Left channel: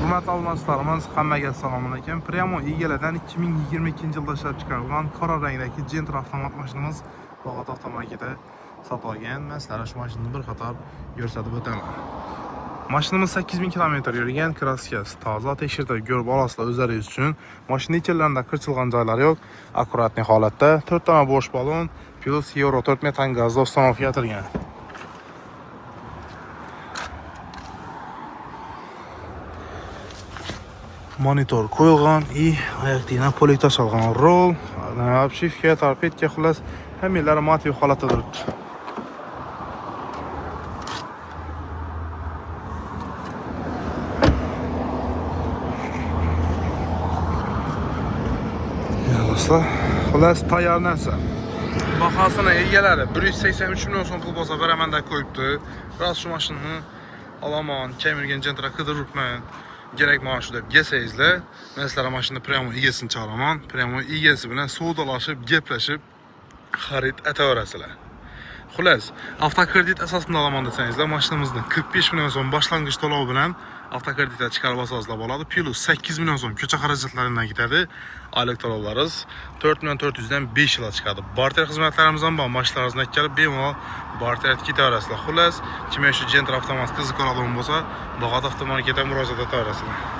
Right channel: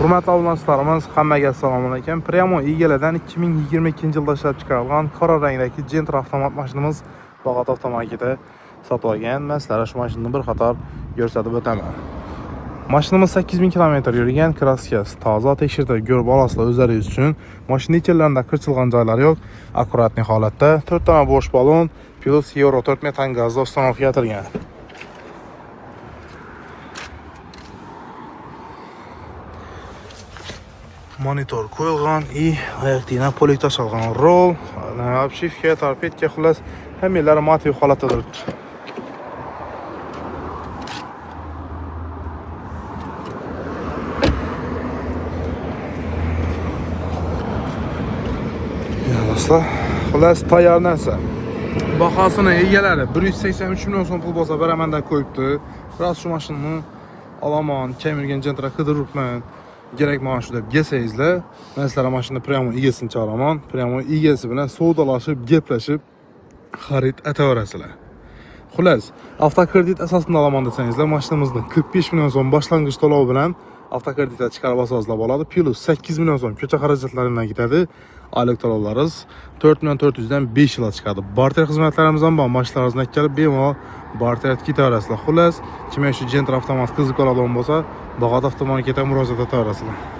Hurmatli obunachilarimiz, hammaga assalomu alaykum. Primo egalaridan 2022-yilda ishlab chiqarilgan qora rangdagi Gentra avtomat mashinamiz Bog'ot avtomarketida sotib olgan. Men sizlarga shu mashinani bir qator ko'rsatib o'taman. Mashinamiz 8000 km yurgan, kraskasi toza, tekshirtirib ko'rib olasizlar o'zlaringiz uchun. Mashina ichlarida qirchilgan joylari yo'q, akkuratli holatda. 4 dona bo'sh balon plus Euro 4 metan gazda uстановка etilgan. Monitor qo'yilgan и oyoqdina polik tashalgan rol, obshivka, torpedka, xullas hammalari motiv holatda turibdi. Do'stlar, xullas tayyor narsa. Bahosini egalari 183 million so'm pul bo'lsa beraman deb qo'yibdi. Biroz shu mashinani olaman, kemirgan Gentra qidiribman. Gerek mana shu deb yesangizlar, men sizlarga mashina Primo egasini chaqiraman. Primo egasi bilan savdolashib, gaplashib xarid etaverasizlar. Xullas, avtokredit asosida olaman desangizlar, mashinamizni 45 million so'm boshlang'ich to'lov bilan avtokreditga chiqarib olsangizlar bo'ladi. Plus 8 million so'm ko'cha xarajatlaridan ketadi. Oylik to'lovlaringiz 4 million 400 dan 5 yil chiqadi. Barter xizmatlarimiz ham bor. Mashinalaringizni kelib bemalol barter ketaverasizlar. Xullas, kim shu Gentra avtomat qiziq oladigan bo'lsa, Bog'ot avtomarketga murojaat etaverasizlar.